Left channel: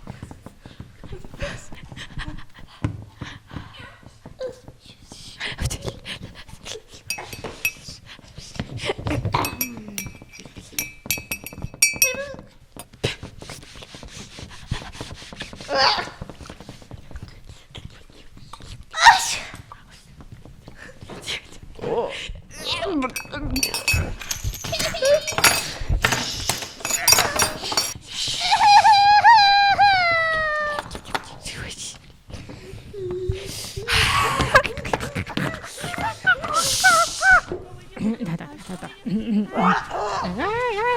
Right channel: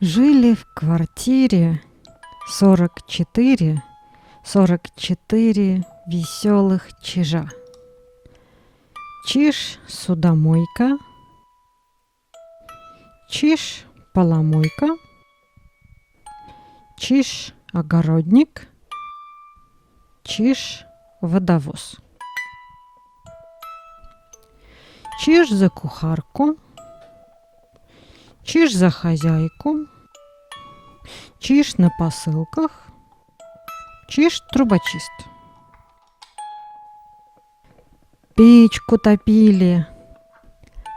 Жили в квартире 44 веселых чижа. Чиж судомойка, чиж поломойка, чиж огородник, чиж водовоз. Чиж за кухарку, чиж за хозяйку, чиж на посылках, чиж трубочист. Печку топили,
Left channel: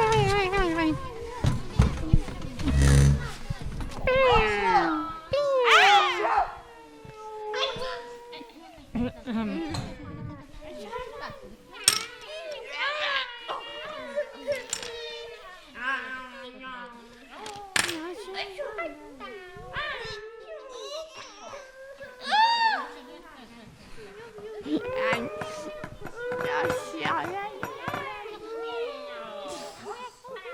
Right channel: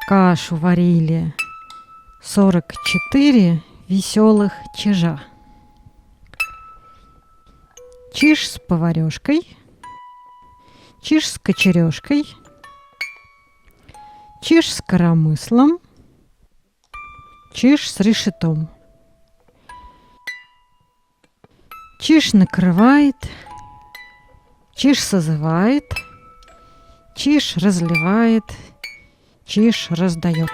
кашу варили 44 веселых чижа. Чиж с поварешкой, чиж с кочережкой, чиж с коромыслом, чиж с решетом. Чиж накрывает, чиж созывает, чиж разливает, чиж раздает.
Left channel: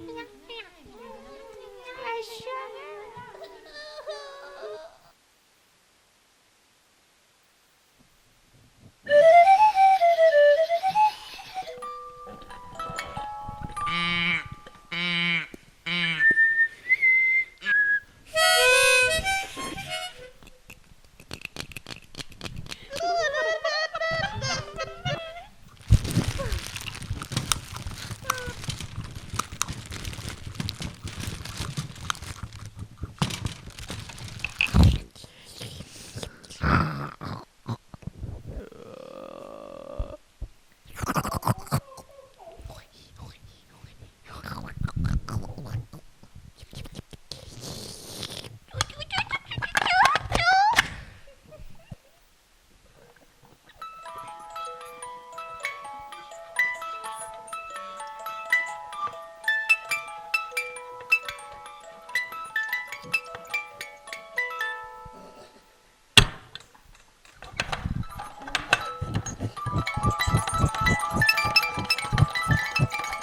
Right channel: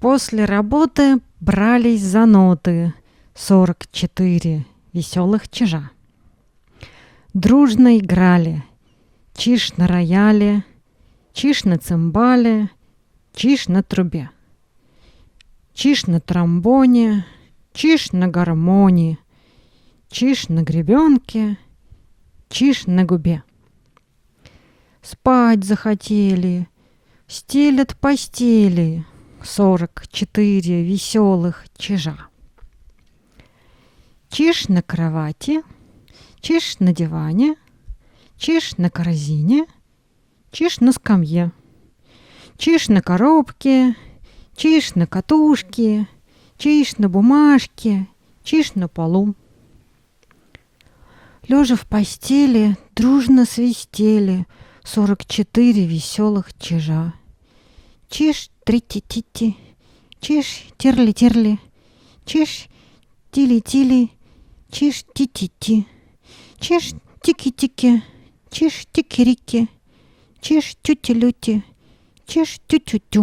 После работы брались за ноты 44 веселых чижа. Дружно играли чиж на рояле, чиж на цимбале, чиж на трубе, чиж на тромбоне, чиж на гармоне, чиж на гребенке, чиж на губе. Спать захотели, стелят постели 44 веселых чижа. Чиж на кровати, чиж на диване, чиж на корзине, чиж на скамье, чиж на коробке, чиж на катушке, чиж на бумажке, чиж на полу. Лежа в постели, дружно свистели 44 веселых чижа. Чиж трити-тити, чиж терли-терли, чиж тили-тили, чиж ти-ти-ти, чиж тики-тики, чиж тики-рики, чиж тюти-люти, чиж тю-тю-тю.